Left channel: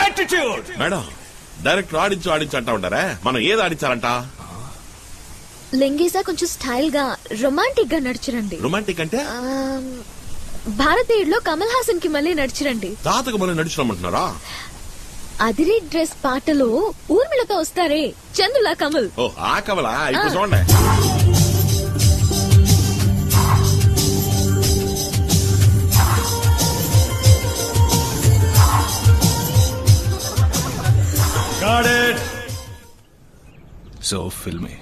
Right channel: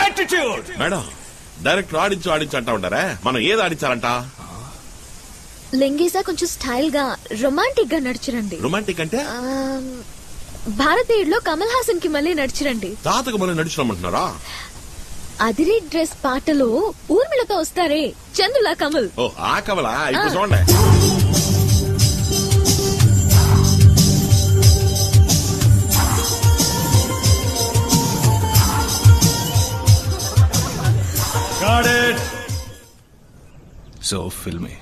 Attitude. Madam director ఆడించు అంటా ఉంటారా, మనం ఏది ఆడించాలంట? లింగేసా కొంచెం స్టైల్ గా రొమాంటిక్ గా నడిచిరండి. రొమాంటిక్ అంటే భారతీయుడులో కమల్ హాసన్ కి మళ్ళీ నడిచిరండి. తాతకు మళ్ళీ నడిచిరమ్మంటున్నారా? అదిరి డ్రెస్ పాటలో ఊర్మిళతో వస్తారే చందులా కమల్. ఓ ఆ కమలా, ఇప్పుడు చూడండి. Got it. So filmy.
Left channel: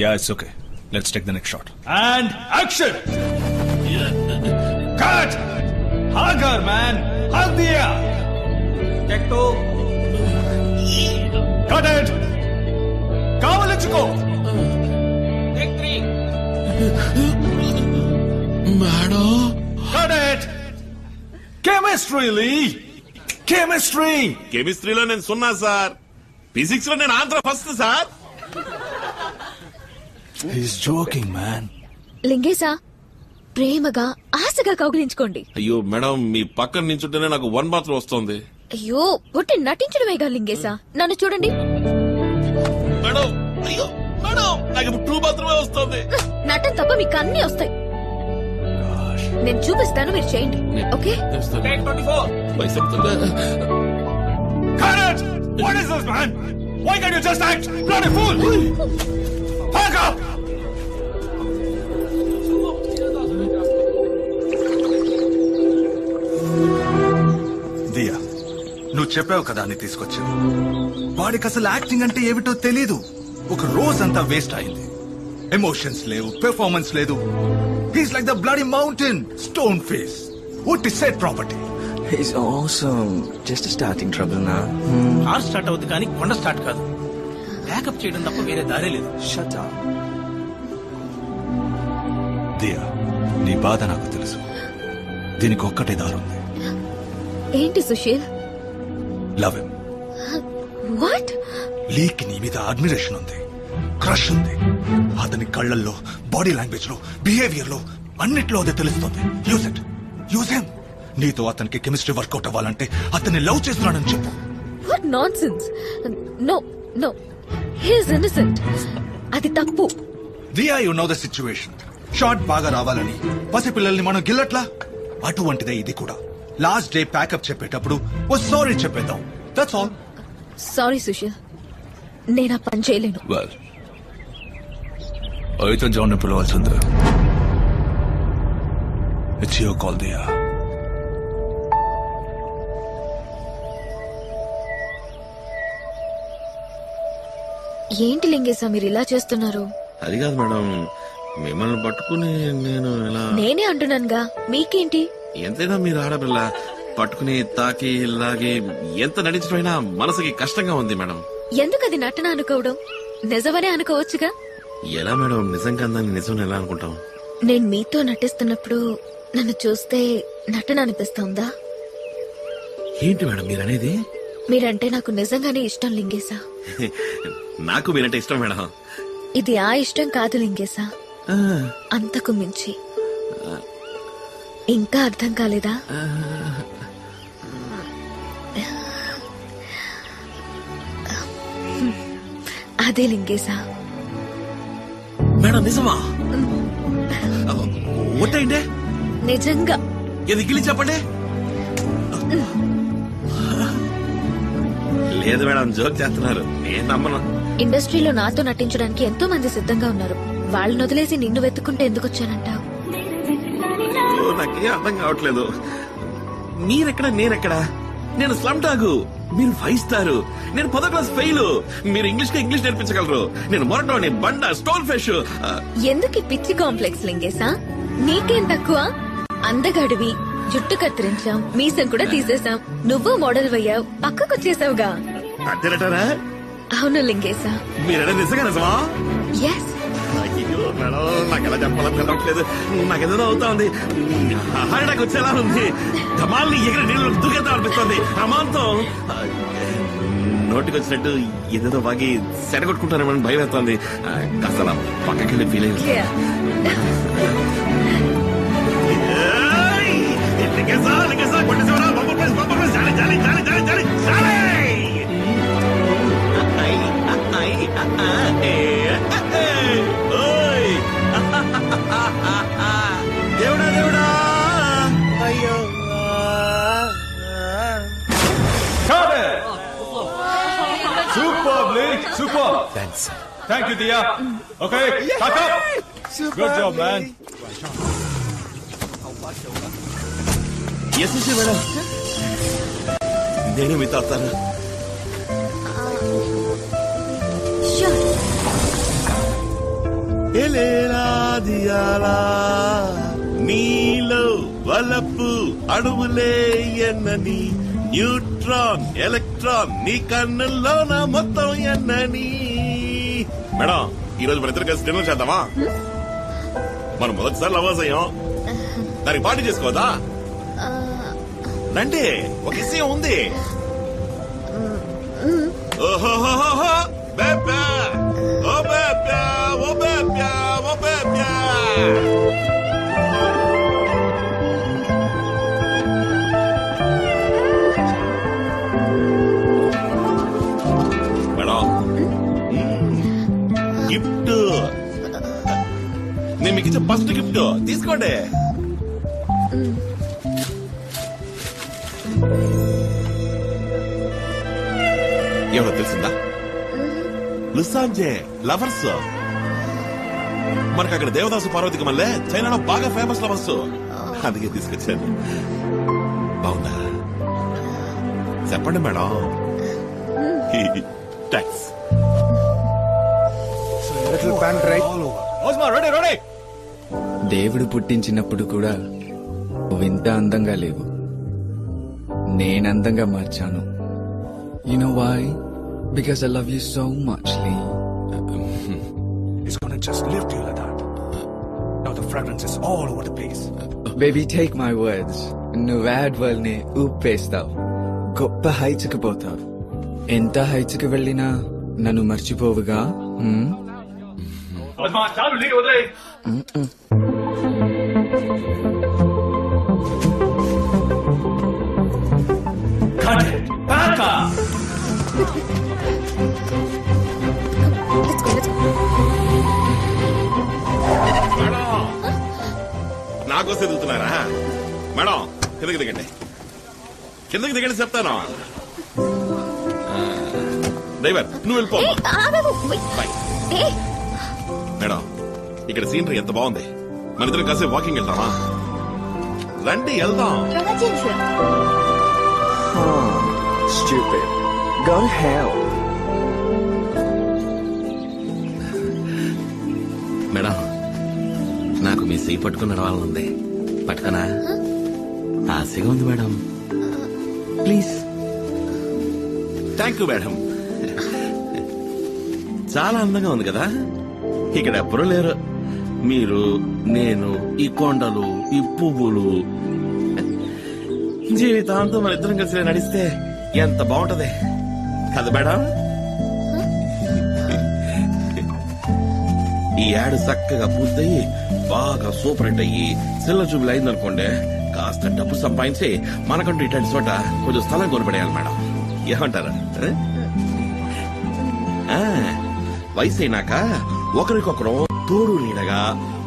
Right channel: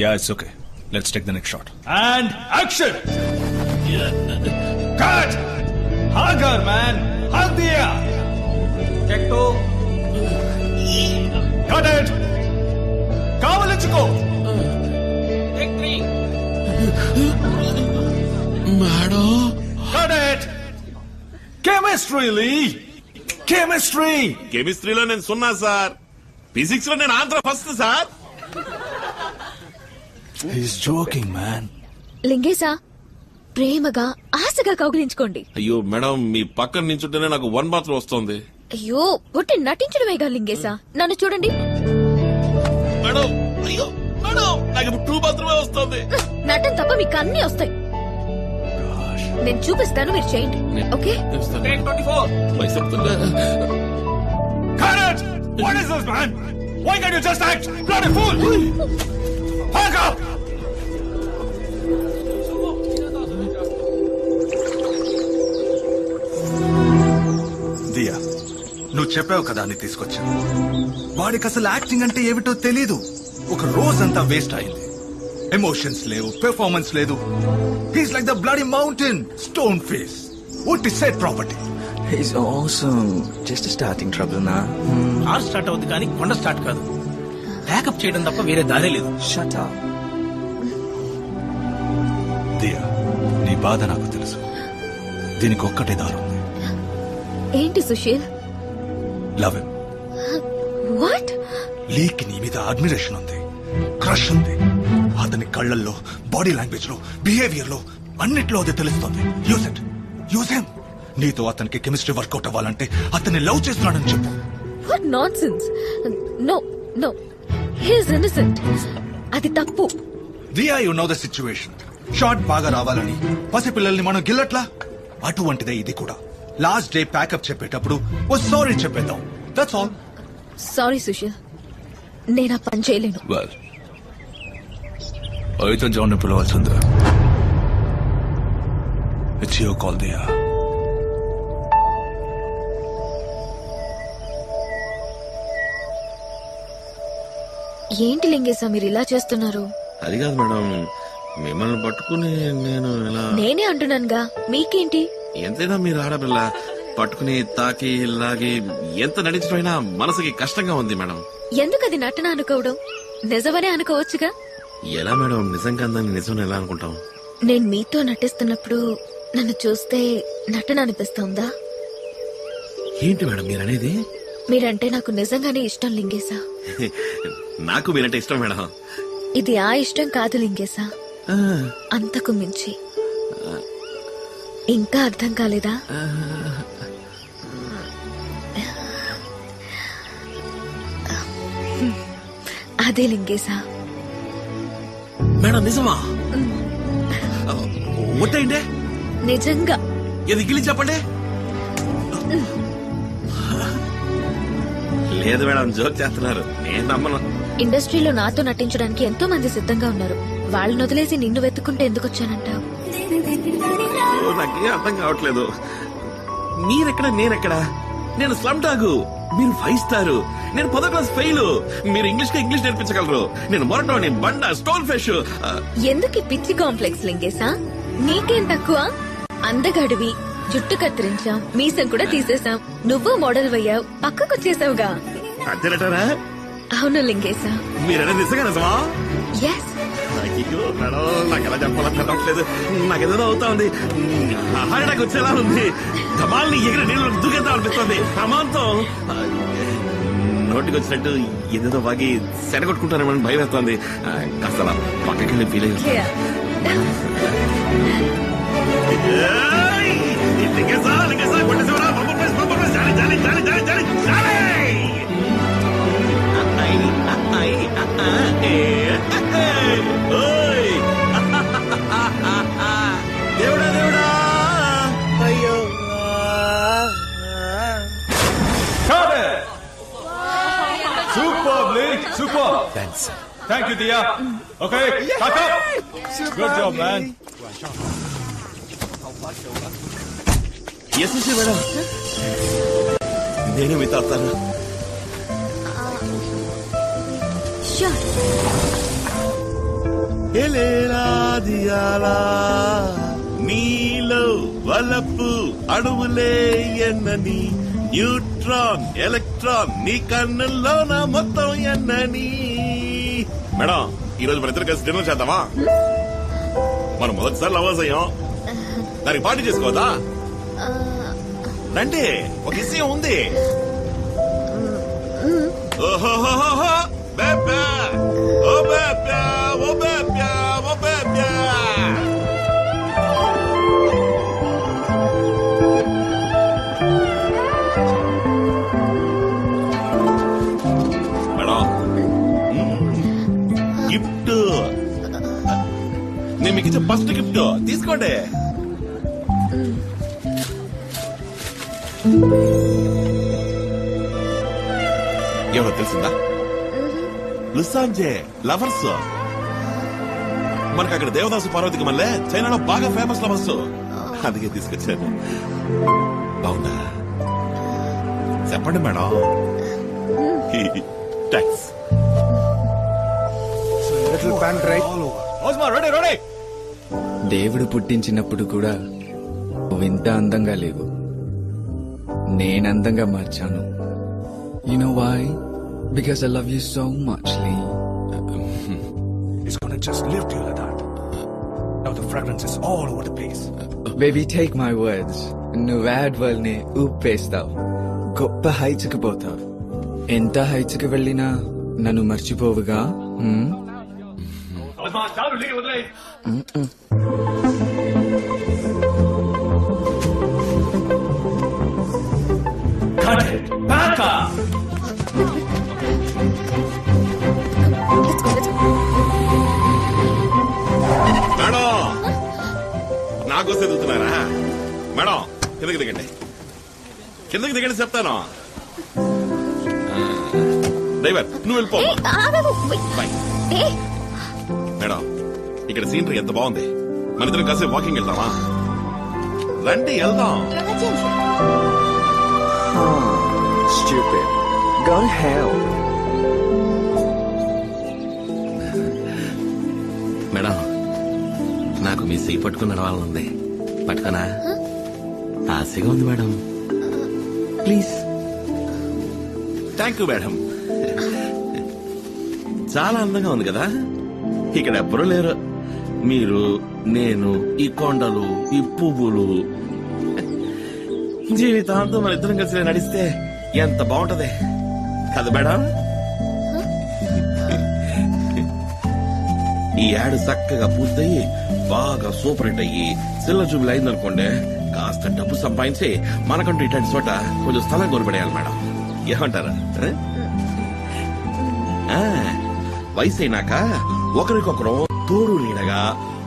Yeah, it's okay. Let's take the next shot. And action. Cut. Hagar man, hug diya. Check 2. Cut it. Kavalichuko. Take 3. Madam Cut it. Chemistry, Lee. కెమిస్ట్రీలో నేను సున్నా సార్, ఫిజిక్స్ లో నేను Andhra first sir. He's joking, man. లింగేసా ప్రేమగా ఆశగా కౌగిలించుకోండి. అయ్యో madam, మీ పక్కన నించుంటేనే నాకు వన్ మాత్రం వస్తుంది. అయ్యో ఒట్టి నటించడమేగా లింగేసా. నన్ను చూడండి మేడం. అయ్యో మేడం, నాకు ఇప్పుడు 2 మాత్రమే వస్తుంది. నటన తప్ప మీకు అన్ని వస్తాయి. నేను చూపిస్తాను, మీరు చేయండి. ఓకే? Take 24. చెప్తుందా? Cut it. What is this, man? Why can't you just act? Bloody fool. Hug up. దియా, నువ్వు చెప్పావు కదా అని తీసుకొచ్చావు. వాడికి అసలు యాక్టింగ్ అంటే ఏమిటో తెలీదు. ఒక రోజంతా వేస్ట్ అయింది. ఎమోషన్స్ లేవు, పెర్ఫార్మెన్స్ లేదు. He's like the bloody mountain, stone face. What is set property. He's awesome. Just a starting trouble na. Car start అవుద్ది కానీ కొండ స్టార్ట్ కాదు. బ్యాకప్ చేయడం తప్ప వేరే దారే లేదు. Shut up. దియా, నీ బాధ నాకు తెలుసు. దీనికి ఒక్కటే దారుంది. ఏంటి Sushil? Love him. What? Leak నీ మీద అడ్మిరేషన్ ఉంది, క్రష్ ఉంది. అతని కళ్ళల్లో, బాడీ లాంగ్వేజ్ లో, బిహేవియర్ లో, అన్నిట్లో అది తెలుస్తుంది. Use it, use him. నీతో అతనికి కెమిస్ట్రీ వర్కౌట్ అవ్వాలంటే అతన్ని లవ్ చేస్తున్నాడని చెప్పు. What nonsense. No no, he is innocent. అది తప్పు. Diya, you know the situation. Shot బాగా రావాలని పసిపిల్లల్ని మనం గిల్లట్లా, అటువంటిదే ఇది కూడా. లాస్ట్ డే ప్యాకప్ చెప్పేటప్పుడు ఓ సారీ చెప్పేద్దాం. That's all. సారీ సుశీల్, నేను ఆ పని చేయలేను. వెల్, అయితే జాన్ పిలవాల్సిందే. It's your call Diya. ఏంటి లింగేశా మీరు ఇలా చేస్తున్నారు? అది కాదు మేడం, మిమ్మల్ని పట్టుకుని నేను ఎలా... నేనే అంటున్నానుగా, మీకేంటి? ఎంతైనా మీరు ఆడపిల్ల, పట్టుకుని తాకి లాగి ఎంత నటించడమైనా మనసుకి కష్టంగా ఉంది మేడం. ఎందుకు అది నటన అనుకోవడం? నిజమనే అనుకోవచ్చుగా. ఎలా మేడం నిజంగా అందాన్ని నిజం ఎలా అనుకుంటాం? నేను మీతో నటిస్తున్నప్పుడు నన్ను చూస్తే నటన అనిపిస్తుందా? ఏంటి మేడం మీరనేది? మీరంటే నాకు నిజంగానే ఇష్టం లింగేశా. నాకు మీరంటే ఇష్టం మేడం. ఇది ఆ ఇష్టం కాదు లింగేశా, అంతకు మించి. ఇంకా అర్థం కాలేదా? అదే లింగేశా. మేడం నిజమా? ఒట్టండి, నిజంగా. ఇది గిలి చెప్పండి. లేదు మేడం, జోక్ చేస్తున్నారు, నేను నమ్మను. ఇండస్ట్రీలో నాతో నటించడానికి ఎంతో మంది సిద్ధంగా ఉన్నారు. వాళ్ళని వదిలేసి నిన్ను వెతుక్కుంటే ఎందుకు వచ్చానంటావు? నాకేం అర్థం కావట్లేదు. మీరెక్కడ, నేనెక్కడ? నేను స్లమ్ డాగు, మీరు 5 స్టార్. నేను 10వ క్లాస్ ఫెయిల్. మీరు ఇంగ్లీష్ నేర్పించగలరు. నేను మొరటోని, బండ, స్టోన్ ఫిష్. ఎందుకు ఈ పిచ్చి కాంప్లెక్స్ లింగేశా? నీకేం తక్కువ? అందగాడివి, జుట్టు కత్తిరించాం, మీసం కూడా తీసేసాం, నువ్వు మోడల్ అయ్యావు, పక్కకొచ్చేసావుగా. అంతేనటారా? అవును లింగేశా. మీరనే నిజమా? ఎస్. అయ్యో మేడం, నాకు ఎలా చెప్పాలని తెలవట్లేదు. నాకేదో అవుతా ఉంది, హార్ట్ అటాక్ వచ్చేలా ఉంది. ధమాల్ని ఎగిరి నీళ్ళు దూకేద్దాం అనిపిస్తుంది. అమాంతం నోటికి వచ్చినట్టు ఏదేదో బాగి సెడగొట్టుకుంటారేమని భయం వేస్తుంది. కాస్త అలా పక్కకెళ్ళి ఫీల్ అయ్యి కొట్టేసేవరా. ఓయ్ దేవుడా దేవుడా అయ్యో Superbly, super. Thanks. Thank you, Dia. Okay, pack up. Good job, man. Yes madam నేను మీతో వస్తాను. ఎలేరాదియాలా నీలో వలపు అణువులే ఎన్నని న్యూట్రాన్ ఎలక్ట్రాన్ నీ కన్నుల్లోన మొత్తం ఎన్నని. మేడం ఈ రోజు మన ఇద్దరు కలిసి డిన్నర్ చేద్దామా? మనం మొదటిసారి లవర్స్ అయ్యాం, దానికి పార్టీ చేసుకోవద్దా? రండి, ఒక విషయం ఉంది. ఓహోహోహో బేబా ఓ బేబా ఓ బేబా ఓ బేబా. మేడం గిఫ్ట్ నేను మీకు ఇచ్చే ఫస్ట్ గిఫ్ట్ తీసుకోండి. ఎవరో తెలిసిందా? లుసాంజే లవర్స్. మనకు అక్కడ దేవదాసు పార్వతికి మళ్ళీ చైనాలో బాగా ఫేమస్ లవర్స్, అందుకే తీసుకొచ్చాను. బాగుందా? చెప్పండి madam. Thanks. Osma, ready, ready. దేవుడు పుట్టించినప్పుడు కూడా నువ్వింత అందంగా లేవు, నేనందంగా మార్చాను. You know why? Because I love you so much, Lee. It's gonna just lift you like that. Now the fragrance is all over the place. Baby, take my words. నువ్వు add world ని ఊపేస్తావు, గొప్ప heights కి పోతావు. ఎంత heights కి వెళ్ళినా నన్ను మర్చిపోవుగా. Osma, చాలు లీక్ వదిలే. Cut it. Back up. Let's go. Madam నాకోసం ఎదుగుతున్నారా? మేడం కిందకి దిగండి, కిందకి దిగండి చెప్తాను. డ్రైవర్ నువ్వు వెళ్ళిపో. బాయ్. మేడం ఇక్కడ సీనరీ ఎంత బాగుంది, మన ఇద్దరం కాసేపు వాకింగ్ వెళ్తామా? రండి వెళ్దాం. Stupid. Go to hell. Madam నాకు మీ సీ పట్టుకుని నడవాలనుంది, పట్టుకనా? ఆశగా ఉంది madam, please. Thank you madam. చాలా అందంగా ఉంది కదా? ఇక్కడ ఎవ్వరూ లేరు, మీరు, నేను, ఈ కొండలు, ఈ పువ్వులు. జీవితాంతం మన ఇద్దరం కలిసి నడిస్తే ఎంత బాగుంటది కదా మేడం? ఈ యాడ్ చక్కగా పూర్తయి బాగా సూపర్ హిట్ అయ్యి సిల్ల చూపులు అయిందనుకోండి, కాస్త డబ్బు సంపాదించి మనకంటూ ఇట్లాంటి చోట కొంచెం స్థలం కొనిపడేయాలి మేడం. ఏమంటారా? వయసు అయినాక ఒకరికొకరు తోడు నీడగా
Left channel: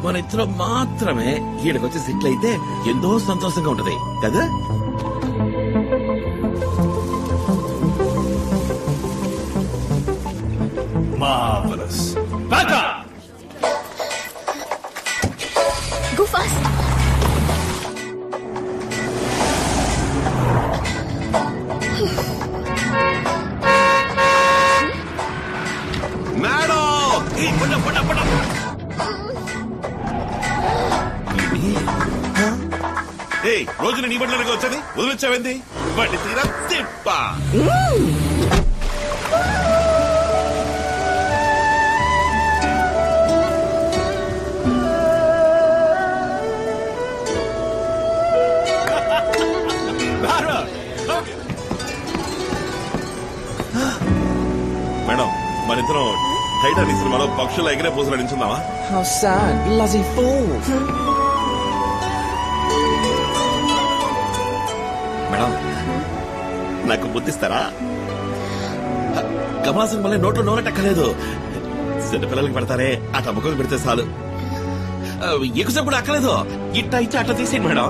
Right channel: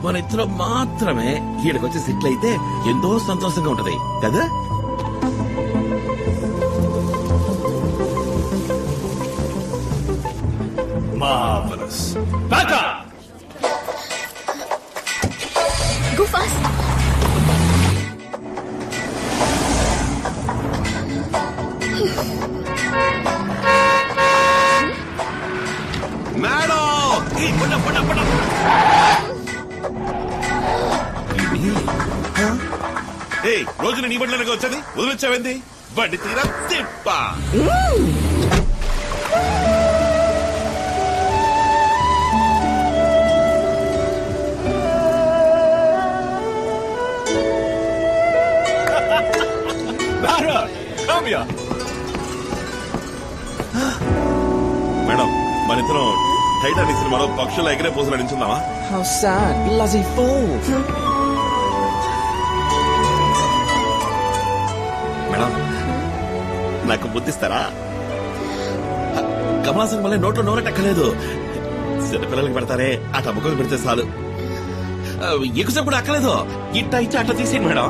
మన ఇద్దరం మాత్రమే ఈడకొచ్చి సెటిల్ అయితే ఎంతో సంతోషంగా ఉంటది కదా? Marvelous. Back up. Go fast. Madam రోజు నీ బండ్లకి వచ్చేది వదిలిచ్చావేంది? బండి తీరా తిప్ప. మేడం మన ఇద్దరం టైటానిక్ సినిమాలో పక్షుల ఎగిరే పూసలు నించుందామా? How sad. Bloody fool. Madam నాకు బుద్ధిస్తారా? కమలాసన్ మళ్ళీ నోట్లో నోరెట్టక్కలేదు. చిన్నపిల్లలకి పెడతారే ఆ టమ్మకం పెడితే చాలు. ఎక్కువసేపు కూడా అక్కలేదు. ఇట్టా ఇచ్చి అట్లా తీసేయండి మేడం.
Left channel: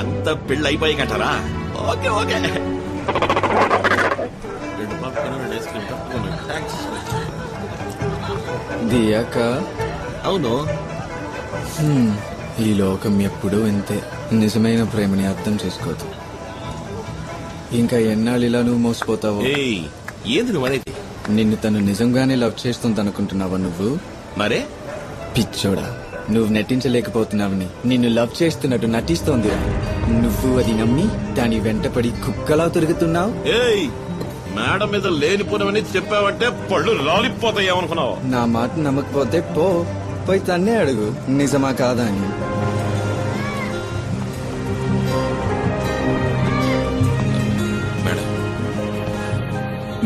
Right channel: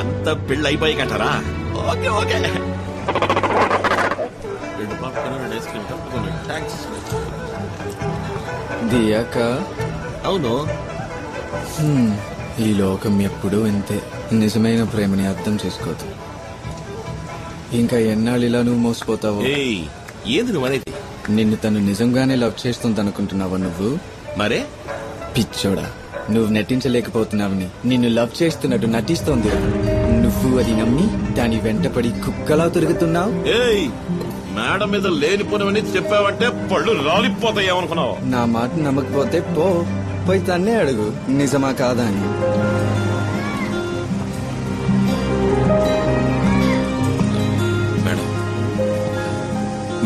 అంత పెళ్ళి అయిపోయి కంటారా? Okay okay. 2 popcorn 2 ice cream తప్పకుండా. థ్యాంక్స్. దియాక అవును, ఈ లోకం ఎప్పుడూ ఇంతే. నిజమైన ప్రేమని అర్థం చేసుకోదు. ఇంకా ఎన్నాళ్ళు ఇలా నువ్వు మోసపోతావు? ఏంది నువ్వు అనేది? నిన్ను తను నిజంగానే లవ్ చేస్తుంది అనుకుంటున్నావా నువ్వు? మరే పిచ్చోడా, నువ్వు నటించలేకపోతున్నావని నిన్ను లవ్ చేస్తున్నట్టు నటిస్తోంది. నువ్వు అది నమ్మి దాని వెంటపడి కుక్కలా తిరుగుతున్నావు. మేడం మీద లేనిపోనవని చెప్పావంటే పళ్ళు రాలిపోతాయేమనుకున్నావు. నా మాట నమ్మకపోతే పోయి తన్నే అడుగు నిజమా కాదా అని. మేడం,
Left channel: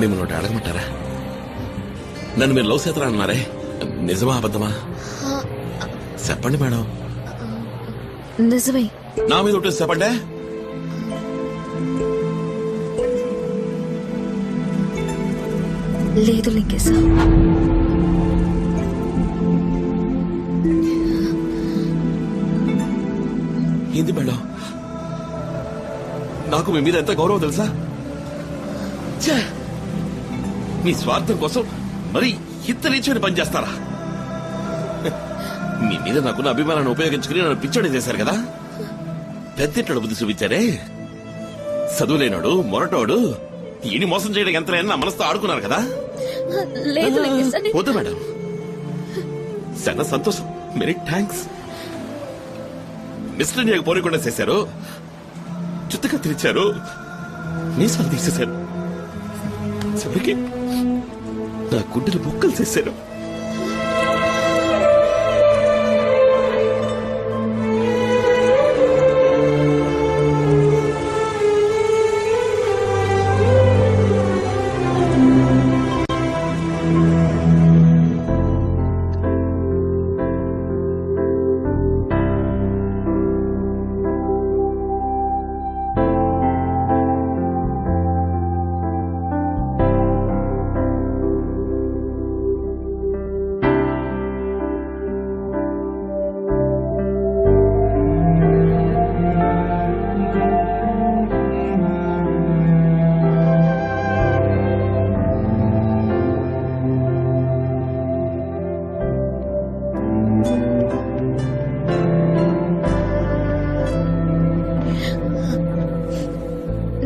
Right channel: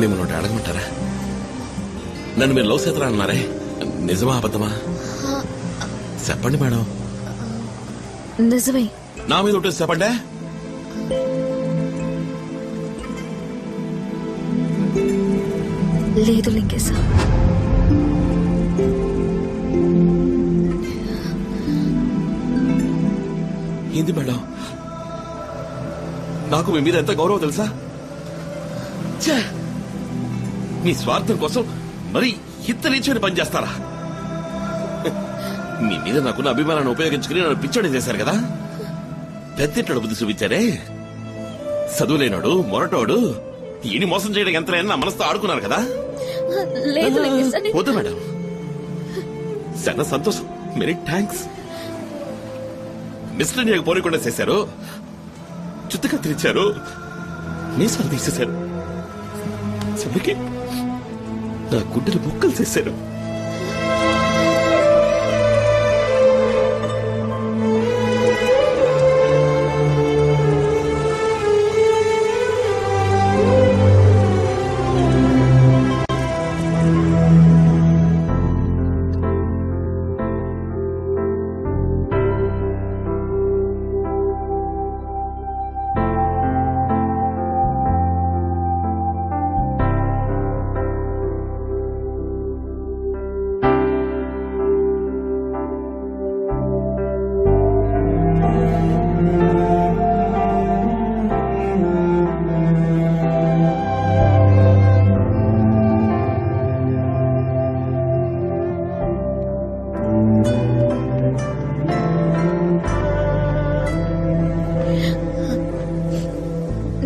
మిమ్మల్ని ఒకటి అడగమంటారా? నన్ను మీరు లవ్ చేస్తారా అన్నారే, నిజమా అబద్ధమా చెప్పండి మేడం. నిజమే. నా మీద ఒకటి చెప్పండి. లేదు లింగేశా. ఏంది మేడం, నాకు మీ మీద ఎంత గౌరవం తెలుసా? మీ స్వార్థం కోసం మరి ఇంత నీచమైన పని చేస్తారా? మీ మీద నాకున్న అభిమానాన్ని ఉపయోగించుకుని నన్ను పిచ్చోడి చేశారు కదా. పెద్దింట్లో బుద్ధి చూపించారే. చదువులేనాడు మొరటోడు ఈయన మోసం చేయడం ఎంత నా మనసుతో ఆడుకున్నారు కదా. వద్దు మేడం, చాలా సంతోషం. Many thanks. మిస్టర్ ఇండియాకి పోనీకుండా చేశారు, చుత్తగా తెరిచారు, మీసాలు తీసేశారు, చివరికి నా గుడ్డలు ముక్కలు చేశారు.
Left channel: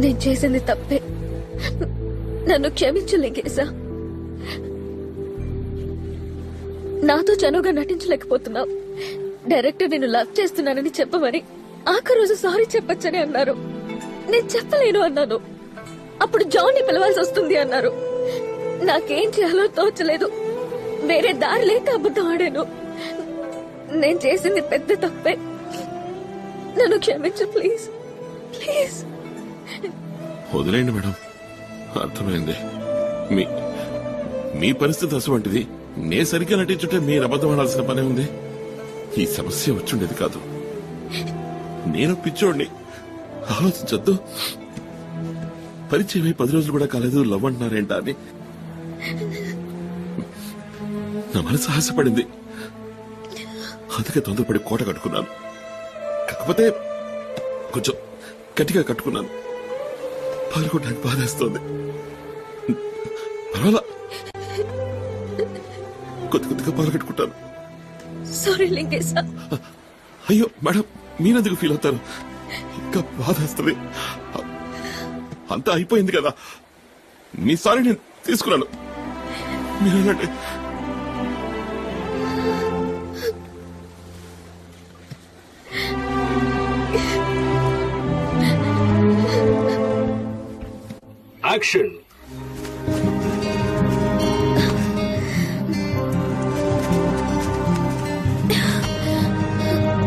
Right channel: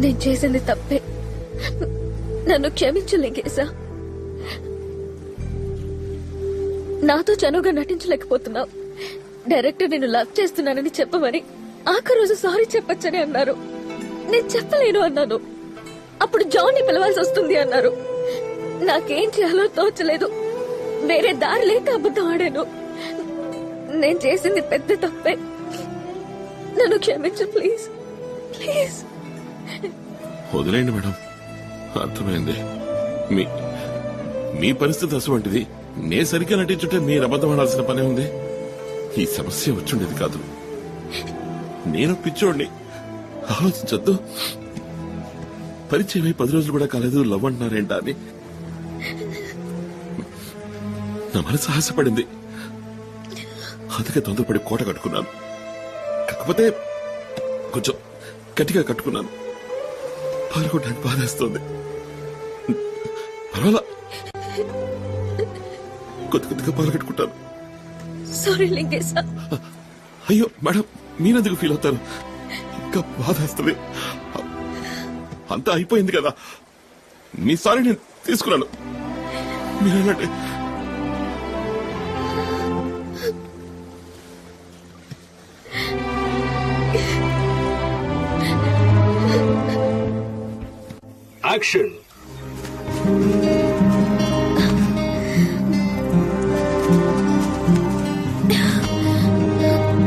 నేను చేసింది తప్పే, నన్ను క్షమించు లింగేశా. నాతో చనువుగా నటించలేకపోతున్నావు. డైరెక్టర్ నేను లవ్ చేస్తున్నానని చెప్పమని ఆఖరి రోజు సారీ చెప్పొచ్చని అన్నారు. నేను చెప్పలేను అన్నాను. అప్పుడు జాన్ ని పిలవాల్సి వస్తుంది అన్నారు. నాకేం చేయాలో తోచలేదు. వేరే దారి లేక అబద్ధం ఆడాను. నేను చేసింది పెద్ద తప్పే. నన్ను క్షమించు ప్లీజ్, ప్లీజ్. వదిలేండి మేడం, అర్థమైంది. మీ పరిస్థితి అటువంటిది. నే సరిగ్గా నటించుంటే మీరు అబద్ధం ఆడాల్సిన పనే ఉంది. ఈ సమస్య వచ్చుండేది కాదు. నేను పిచ్చోడిని, ఆలోచించొద్దు. పరిచయం 10 రోజులు కూడా కాలేదు, లవ్ అంటున్నారేంటా అని నా మనసు ఆశపడింది. అందుకే తొందరపడి కోట కట్టుకున్నాను. కాకపోతే కొంచెం గట్టిగా కట్టుకున్నాను. పాల్గొనడానికి బాధేస్తోంది. పర్వాలా, కొద్దిగా పాల్గొట్టుకుంటాను. సారీ లింగేశా. అయ్యో మేడం, మీరెందుకు ఫీల్ అవుతారు? ఇంకా బాధేస్తుంది. అంతా అయిపోయింది కదా. మీ సారీ నేను తీసుకున్నాను. మీరేనంటే Action!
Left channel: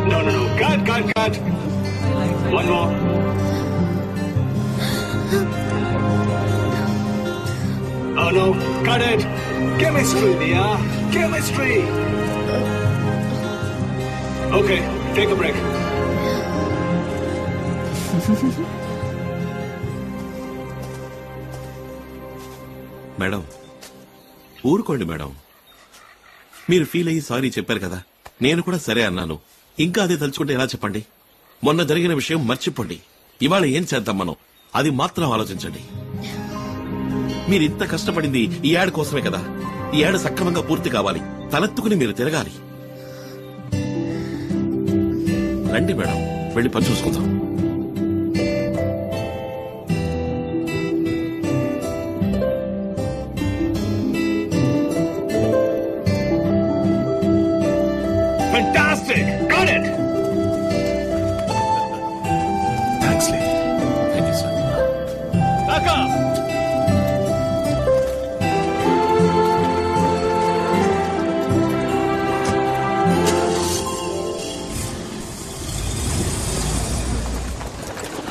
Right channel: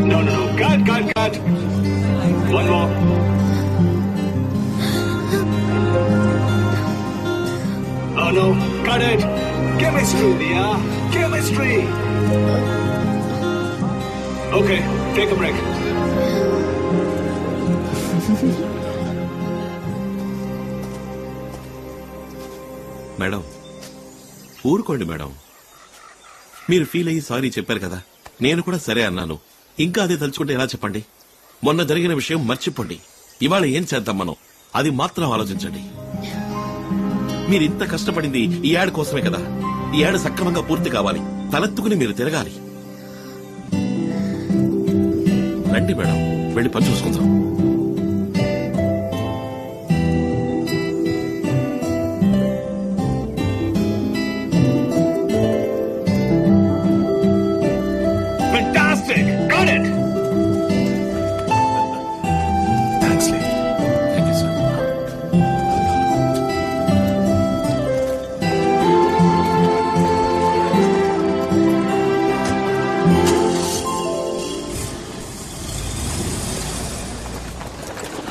No. Cut. One more. Oh no, cut it. Chemistry, Dia. Chemistry. Okay, take a break. Madam ఊరుకోండి మేడం. మీరు ఫీల్ అయ్యి సారీ చెప్పారు కదా, నేను కూడా సరే అన్నాను. ఇంకా అదే తలుచుకుంటే ఎలా చెప్పండి? మొన్న జరిగిన విషయం మర్చిపోండి. ఇవాళ ఏం చేద్దాం మనం, అది మాత్రం ఆలోచించండి. మీరు ఇంత కష్టపడింది ఈ యాడ్ కోసమే కదా. ఈ యాడ్ సక్రమంగా పూర్తి కావాలి, తలెత్తుకుని మీరు తిరగాలి. రండి మేడం, వెళ్ళి పని చూసుకుందాం. Fantastic! Got it! Thanks, Lee. Thank you sir.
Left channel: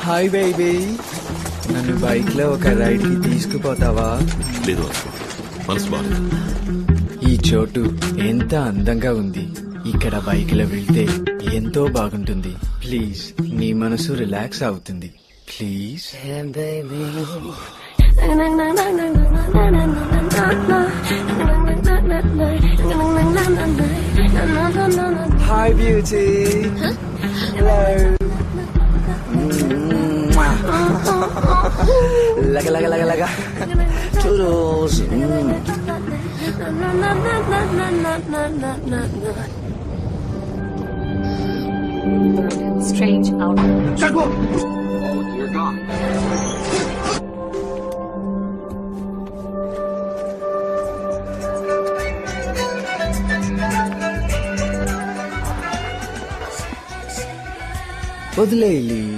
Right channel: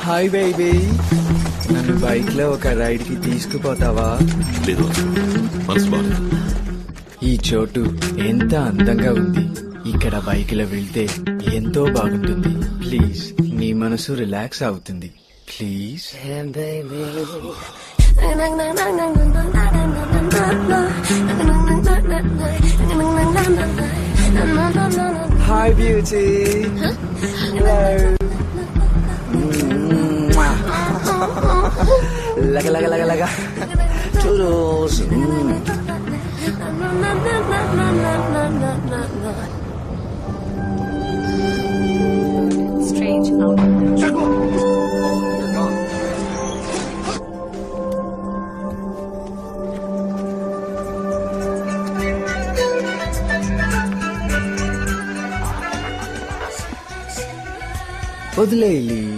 Hi baby, నన్ను బైక్ లో ఒక రైడ్ కి తీసుకుపోతావా? లేదు, మనసు బాగుంది. ఈ చోటు ఎంత అందంగా ఉంది. ఇక్కడ బైక్ లో వెళ్తే ఎంతో బాగుంటుంది. ప్లీజ్, నీ మనసు రిలాక్స్ అవుతుంది. ప్లీజ్. Hi beauty. హలో. లగ లగ లగ లగ churros. Strange outfit. You're gone. వదిలేయి.